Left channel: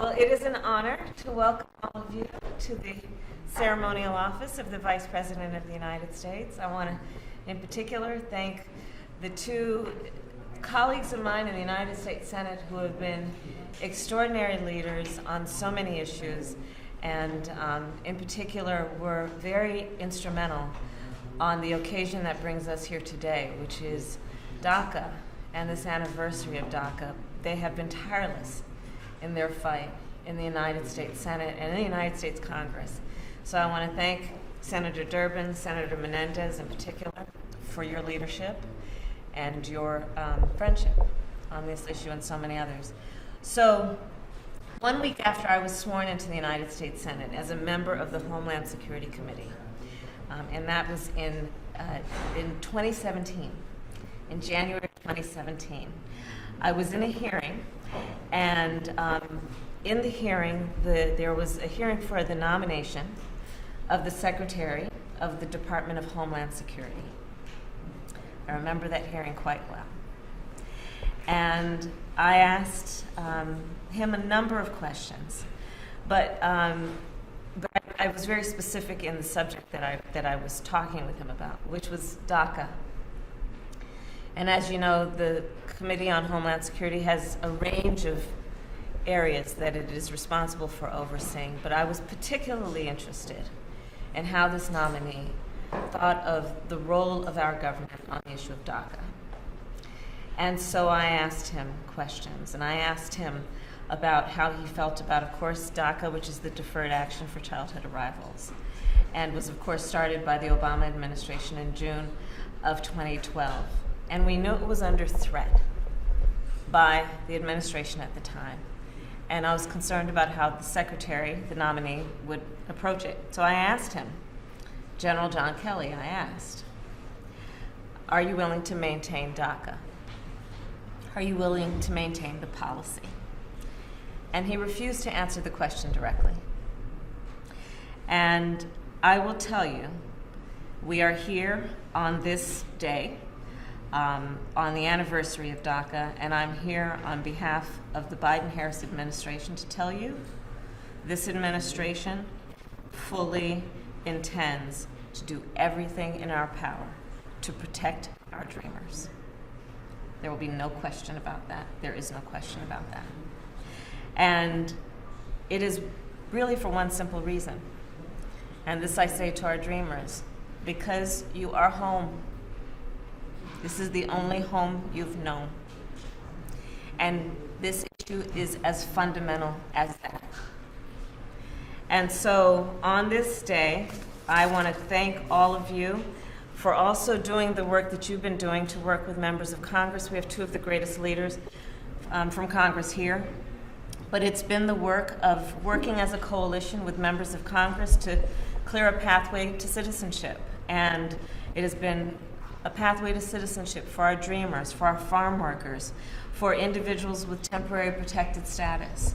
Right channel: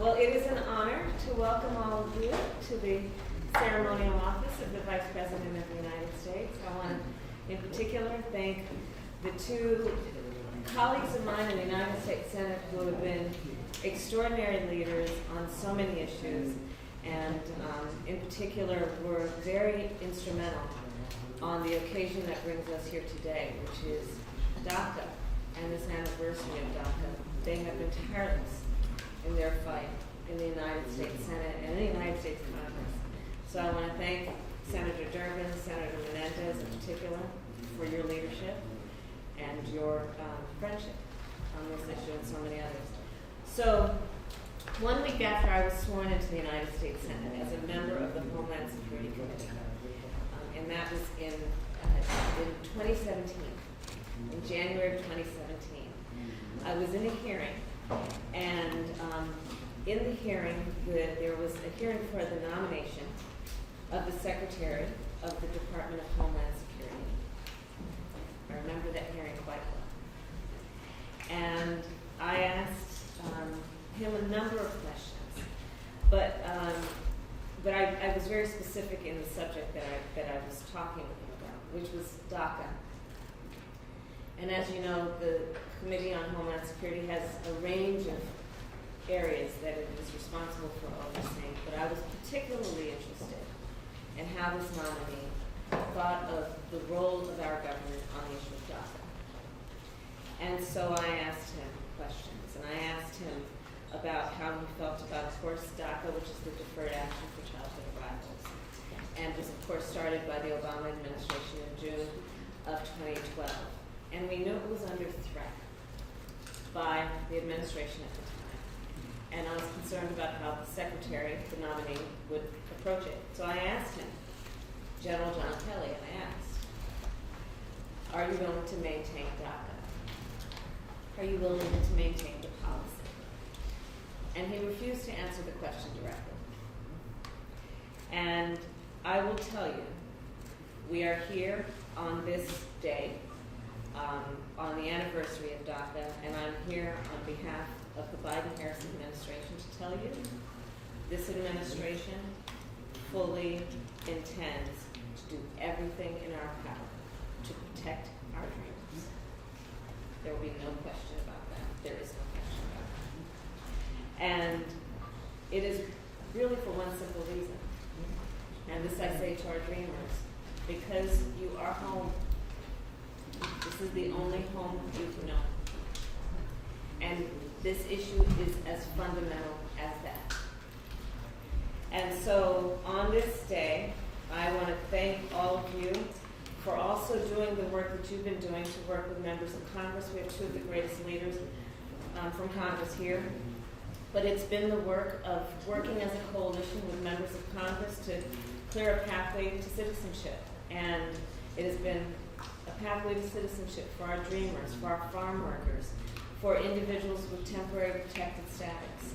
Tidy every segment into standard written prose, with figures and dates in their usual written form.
Well, it is an honor to welcome all of you to the ceremonial office of the Vice President of the United States. I want to, in particular, thank the two colleagues of mine in the United States Senate who have been extraordinary leaders on so many issues, and in particular were very instrumental on the occasion that brings us here today, which is DACA and this anniversary of DACA. They have been tireless in their fight in the United States Senate and in the United States Congress. So I want to thank Senator Durbin, Senator Menendez in particular, for your leadership and your friendship on this issue and so many others. So 1 week after I was sworn into the United States Senate as a member of the Homeland Security Committee, and that was in 2017, in January of 2017, I was in a hearing, and in the hearing, there was a hearing for the nomination of the Secretary of the Department of Homeland Security. I remember that hearing quite well. And I asked him a number of questions, but I was very specific in the subject that I was talking with him about, which was DACA. And as you know, the Committee on Homeland Security has a range of areas that it is responsible for overseeing, but I was particularly interested in how this nominee thought of the role of our government on the issue of DACA. And so I asked him questions, and I asked him about how he felt about, of course, DACA, which is the Deferred Action for Childhood Arrivals, and was, of course, started by the Obama administration in June of 2012. And we knew it was under threat by the administration at the time. And I was concerned about how the secretary, the nominee, would approach it. So I asked him, General John Kelly, I asked, are you willing to maintain DACA? Are you willing to maintain the policy? And he refused to answer the question directly. And I will tell you, we are here on this day, on the anniversary of DACA, and I'm here on behalf of the Biden-Harris administration to tell you this administration fully intends to do everything in our power to protect our dreamers. There will be no question about that. There is no question about that. And it is really for one simple reason, and this I say to our dreamers, because you are home. This is the only home you've known. And this issue is as fundamental as that. And so on this day, I want to thank all of you for also doing the work that you've been doing to work with members of Congress. We have two of the greatest leaders from Congress here. But it's been the work of working as a coalition with members of Congress to clear a pathway to citizenship. And it has been a pathway to citizenship for our dreamers, for our farm workers, for individuals with temporary protected status.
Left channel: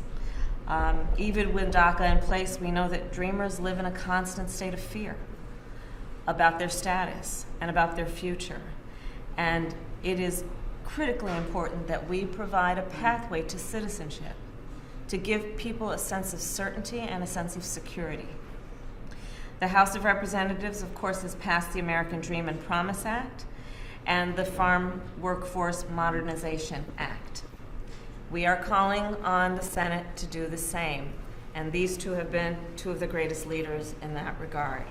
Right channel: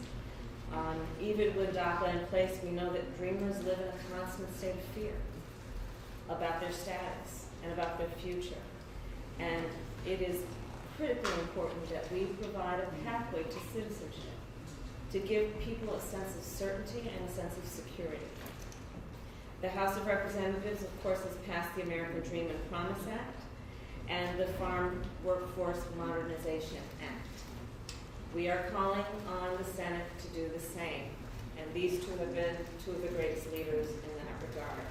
Even with DACA in place, we know that dreamers live in a constant state of fear about their status and about their future. And it is critically important that we provide a pathway to citizenship to give people a sense of certainty and a sense of security. The House of Representatives, of course, has passed the American Dream and Promise Act and the Farm Workforce Modernization Act. We are calling on the Senate to do the same, and these two have been two of the greatest leaders in that regard.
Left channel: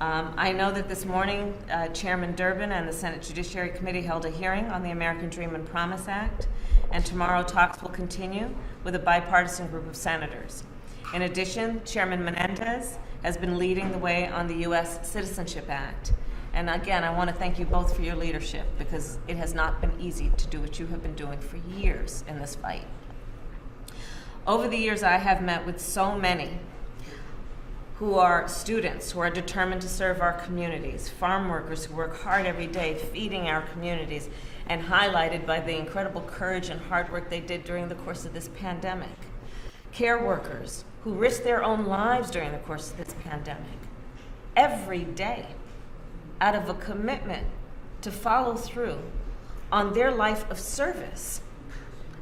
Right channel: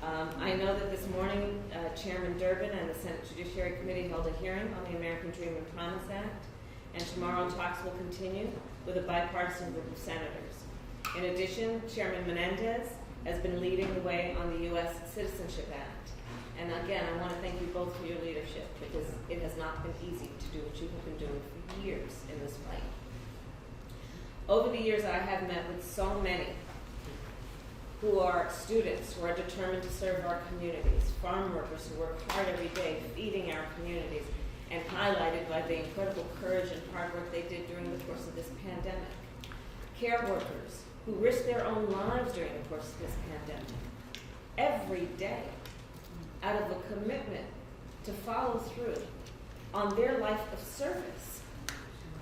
I know that this morning, Chairman Durbin and the Senate Judiciary Committee held a hearing on the American Dream and Promise Act, and tomorrow talks will continue with a bipartisan group of senators. In addition, Chairman Menendez has been leading the way on the U.S. Citizenship Act. And again, I want to thank you both for your leadership, because it has not been easy to do what you have been doing for years in this fight. Over the years, I have met with so many who are students, who are determined to serve our communities, farm workers who work hard every day feeding our communities, and highlighted by the incredible courage and hard work they did during the course of this pandemic. Care workers who risked their own lives during the course of this pandemic, every day, out of a commitment to follow through on their life of service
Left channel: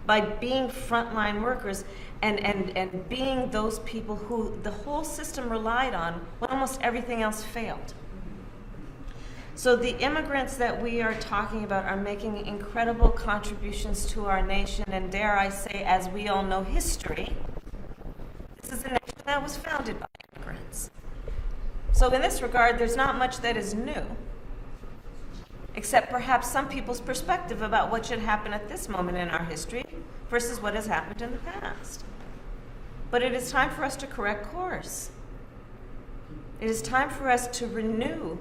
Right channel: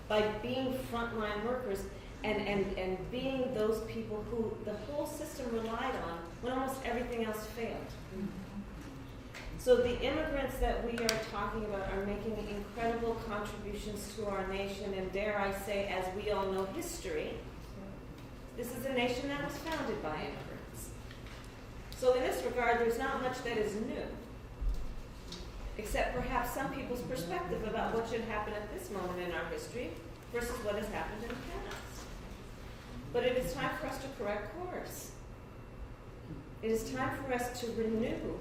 by being frontline workers and being those people who the whole system relied on when almost everything else failed. So the immigrants that we are talking about are making incredible contributions to our nation, and dare I say, as we all know history, this is a nation that was founded by immigrants. So in this regard, there's not much that is new, except perhaps some people's perspective about what should happen at this moment in our history versus what has happened in the past. But it is time for us to correct course. It is time for us to renew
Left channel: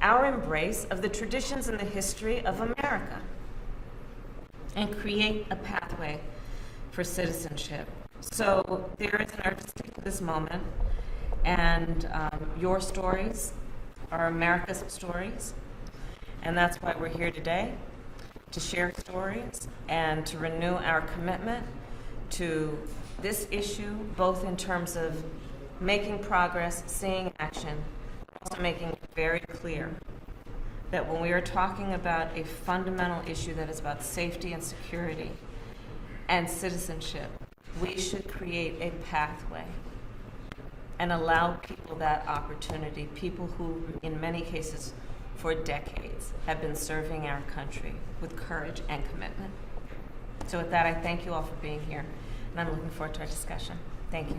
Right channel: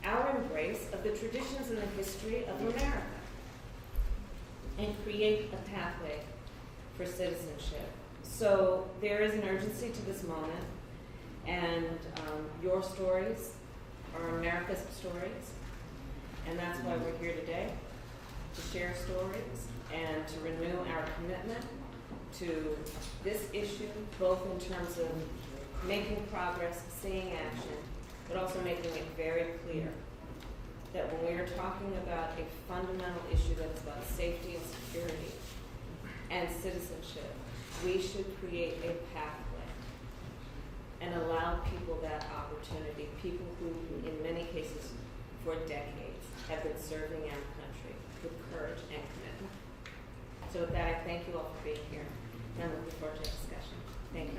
our embrace of the traditions and the history of America and create a pathway for citizenship. So there is an urgency to this moment, and your stories are America's stories, and that's why we're here today, to share stories and to renew our commitment to this issue, both in terms of making progress, seeing action, but also making it very clear that when we are talking about a fundamental issue that is about safety and security and citizenship, we should create a pathway and allow people that opportunity, people who, in many cases, for decades, have been serving our country with courage and commitment. So with that, I thank you all for being here, and I'm looking forward to our discussion. Thank you.